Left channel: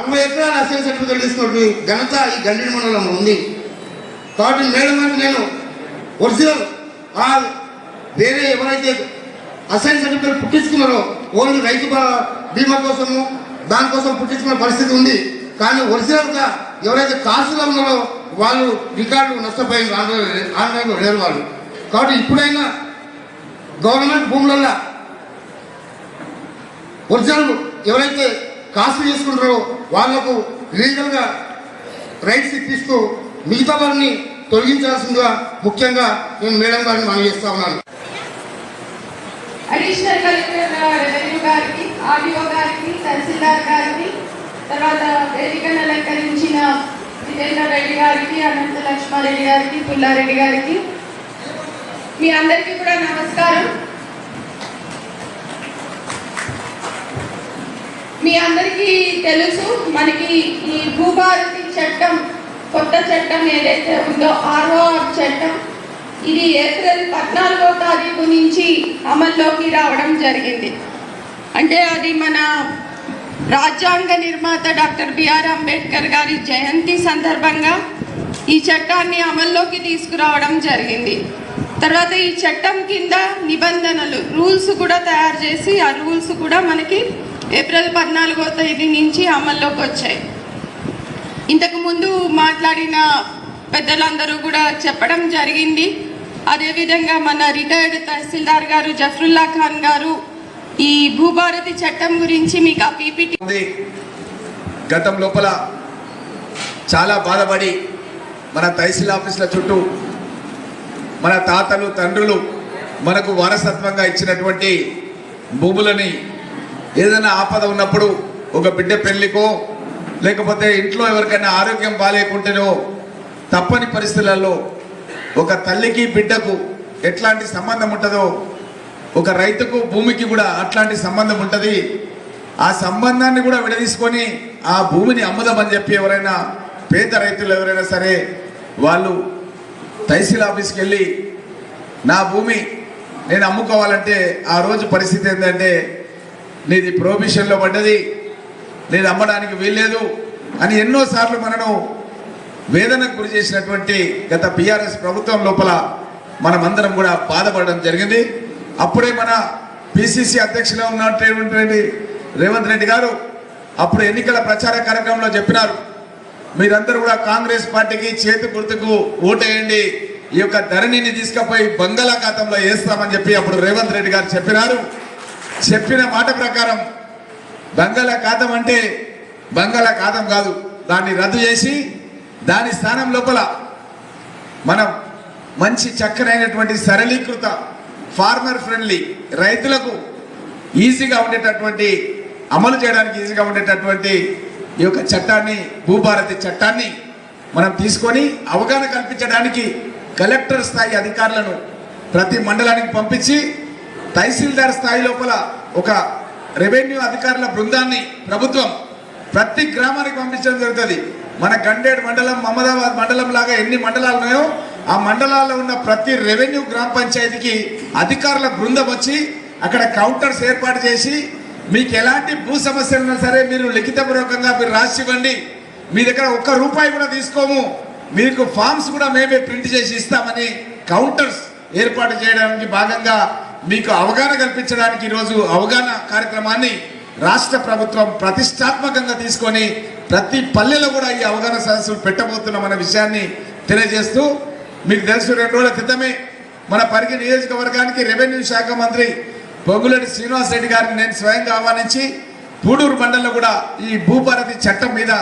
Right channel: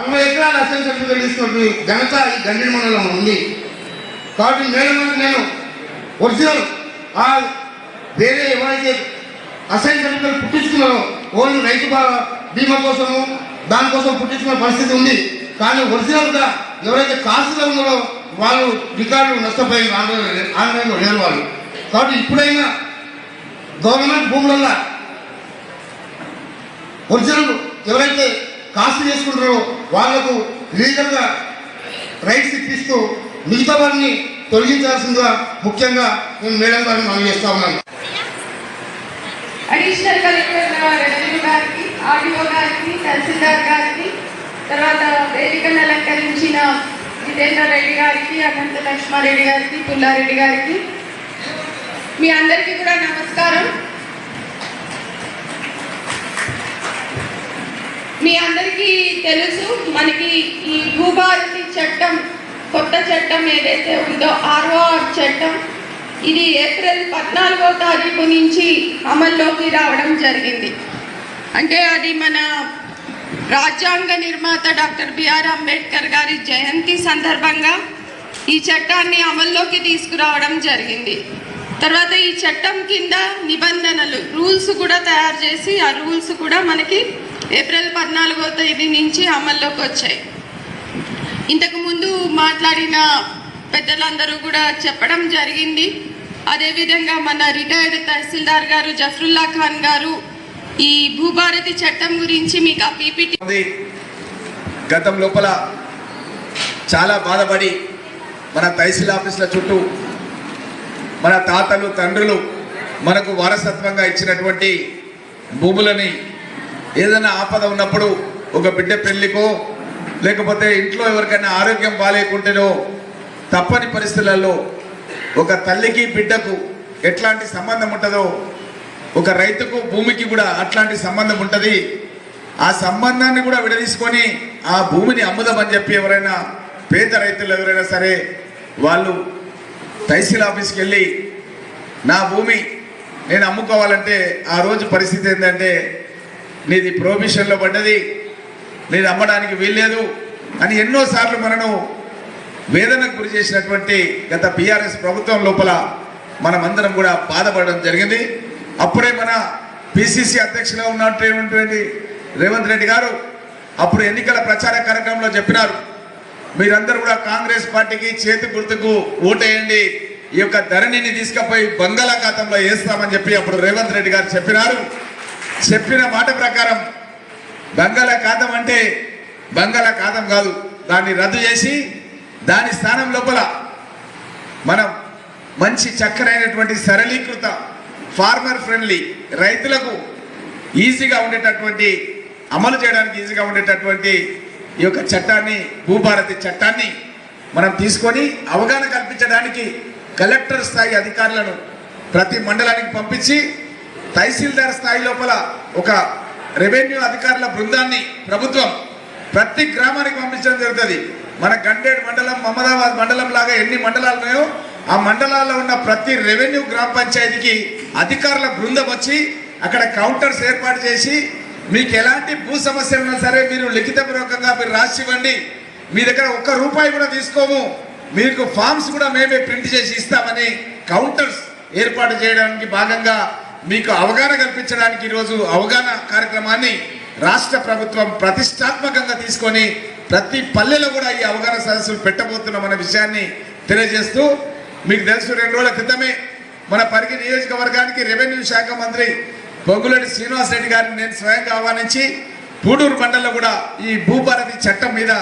60 ఎకరాల assign certificate తీసుకున్న ఘనత ఈ గండిడి మండలం ఉంది. కాబట్టి మేడం నేను ఒరిజినల్ వేరే ఎవరైతే అసైన్ సర్టిఫికేట్ పుట్టించుకున్నారో ఓన్లీ రైతు బీమా కోసము దానికోసం పుట్టించుకున్న పరిస్థితి ఉంది. కానీ ఒరిజినల్గా ఎవరైతే కాసులో ఉన్నారో వాళ్ళు రికార్డులు నష్టపోయి ఆంధ్రలో లేరు వాళ్ళు. కాబట్టి ఇప్పుడైనా గవర్నమెంట్ భూములలో ఒరిజినల్ ఎవరైతే కాస్ట్ చేసుకుంటారో వాళ్లకు లీగల్గా రైట్స్ ఇప్పిస్తూ మిగతా వారిని తొలగించాల్సిందిగా ముఖ్యంగా నేను మేడం గారిని మనం చేస్తా ఉన్నాను. అడిషనల్ కలెక్టర్ రెవెన్యూ గారికి, ఆర్డీఓ గారికి, తహసీల్దార్ గారికి, తర్వాత వేదికను అలంకరించిన జితేంద్ర రెడ్డి గారికి, అనంత లక్ష్మారెడ్డి గారికి, పుల్లారెడ్డి గారికి, మీ అందరికీ కూడా నమస్కారం. మీ అందరికీ తెలుసు, మనకి ఈ భూభారతి చట్టం, కొత్త చట్టం ఏదైతే ఉందో ROR చట్టం, ఇది ఏప్రిల్ 14వ తారీఖు నుంచి అమల్లోకి రావడం జరిగింది. అంటే అది మన రాజ్యాంగ నిర్మాత డాక్టర్ బిఆర్ అంబేద్కర్ గారి జయంతి సందర్భంగా ఈ చట్టాన్ని అమల్లోకి తీసుకురావడం జరిగింది. తర్వాత ఈ చట్టం కింద నిబంధనలు, రూల్స్ కూడా తయారు చేసి ఆ రూల్స్ కూడా మనకి ఏప్రిల్ 14వ తేదీ నుంచి అమల్లోకి వచ్చాయి. ఇంతకు ముందు మాట్లాడిన పెద్దలందరూ కూడా చెప్పడం జరిగింది. అదేవిధంగా మన రిటైర్డ్ తహసీల్దార్ గారు జఫరుల్లా ఖాన్ గారు ఈ భూభారతి చట్టం గురించి మీకు ఆ పీపీటీ గతం లోపల చాలా బాధపడి మన తహసీల్ ఆఫీసుల చుట్టూ మన తాతలు తండ్రులు మనకు వారసత్వంగా ఇచ్చినటువంటి భూములని ఏదైనా ఆపద ఉన్నప్పుడు ఒక బిడ్డ పెళ్లికో లేకపోతే ఇంట్లో ఎవరికైనా ఆరోగ్యం బాగాలేకుంటేనో తప్పని పరిస్థితులలో ఒక తల్లికి బిడ్డకు ఎట్లాంటి సంబంధం ఉంటుందో ఒక రైతుకు భూమికి కూడా అట్లాంటి సంబంధం ఉంటుంది. ఆ సంబంధాన్ని కూడా విడదీసుకొని ఆ భూమిని అమ్ముదామని చెప్పి ఎవరైనా పేద రైతులు ఎవరైనా సరే వాళ్ళు తహసీల్ ఆఫీస్కి వెళ్ళి నా భూమి నేను అమ్ముకోవాలంటే ఆ రోజు పరిస్థితి ఏంటంటే నీది ప్రొహిబిషన్లో పడ్డది, నేను అమ్మడానికి వీల్లేదు అని ఎన్నోసార్లు మనను వేదనకు గురి చేసినటువంటి గత బీఆర్ఎస్ ప్రభుత్వం లోపల మనమందరం కూడా బాధపడడం జరిగింది. అప్పుడే మన పిసిసి అధ్యక్షులుగా ఉన్నటువంటి రేవంత్ రెడ్డి గారు అప్పుడు ఎన్నికల ప్రచార కార్యక్రమంలో చెప్పినారు, మీరందరూ కూడా కాంగ్రెస్ పార్టీకి చేతి గుర్తుకు ఓటేయండి, ఈ యొక్క ధరణిని తీసుకుపోయి బంగాళాఖాతంలో వేస్తామని చెప్పి అప్పుడు రేవంత్ రెడ్డి గారు చెప్పినారు. చెప్పిన మాట ప్రకారం బంగాళాఖాతం అంటే బంగాళాఖాతం కాదు, దాన్ని రద్దు చేసి దాని స్థానం లోపల మనం మంచి చక్కనైనటువంటి సరళీకృత ఫార్మర్ ఫ్రెండ్లీ రైతులకు ఈజీగా ఉండేటటువంటి అమలు చేయడానికి ఈజీగా ఉండేటటువంటి ఈ యొక్క చట్టాన్ని భూభారతి చట్టాన్ని మనం తీసుకొని అవగాహన కల్పించడానికి కలెక్టర్ స్థాయి అధికారులను ప్రతి మండలానికి పంపించి తహసీల్దార్ స్థాయి లోపల ఒక రెవెన్యూ అధికారుల బృందాన్ని ప్రభుత్వం ప్రతి గ్రామానికి పంపించడం జరుగుతుంది. మన గండేడ్ మండలం, మహమ్మదాబాద్ మండలం లాగా ఎన్ని మండలాలు ఉన్నాయో ఆ మండలాల్లో ఉన్న ప్రతి రెవెన్యూ గ్రామ పంచాయతీకి అధికారుల బృందం వచ్చి అక్కడ కౌంటర్స్ ఏర్పాటు చేసి మీకు ఎలాంటి భూ సమస్యలు ఉన్నా సరే మీరు లిఖితపూర్వకంగా మీరు రాసి ఇవ్వండి, మీ దగ్గర ఒక్క రూపాయి కూడా తీసుకోము, మీకు ఫామ్స్ కూడా మేమే ప్రింట్ చేసి ఇస్తామని కౌంటర్స్ ఏర్పాటు చేయడానికి భాగంగా మీకు అవగాహన కల్పించడానికి ఈరోజు అవగాహన కార్యక్రమాన్ని రాష్ట్ర ప్రభుత్వం ప్రతిష్టాత్మకంగా తీసుకొని ప్రతి పల్లెలో కూడా ఈ అవగాహన సదస్సులు పెట్టబోతున్నామన్న విషయాన్ని తెలియజేస్తూ, మీకు తెలుసు 2 రోజుల క్రితమే మన పరిగి నియోజకవర్గానికి రెవెన్యూ శాఖ మంత్రి పొంగులేటి శ్రీనివాస్ రెడ్డి గారిని నేను స్వయంగా ఆహ్వానించి పూడూరు మండలంలో కూడా ఈ భూభారతి చట్టం మీద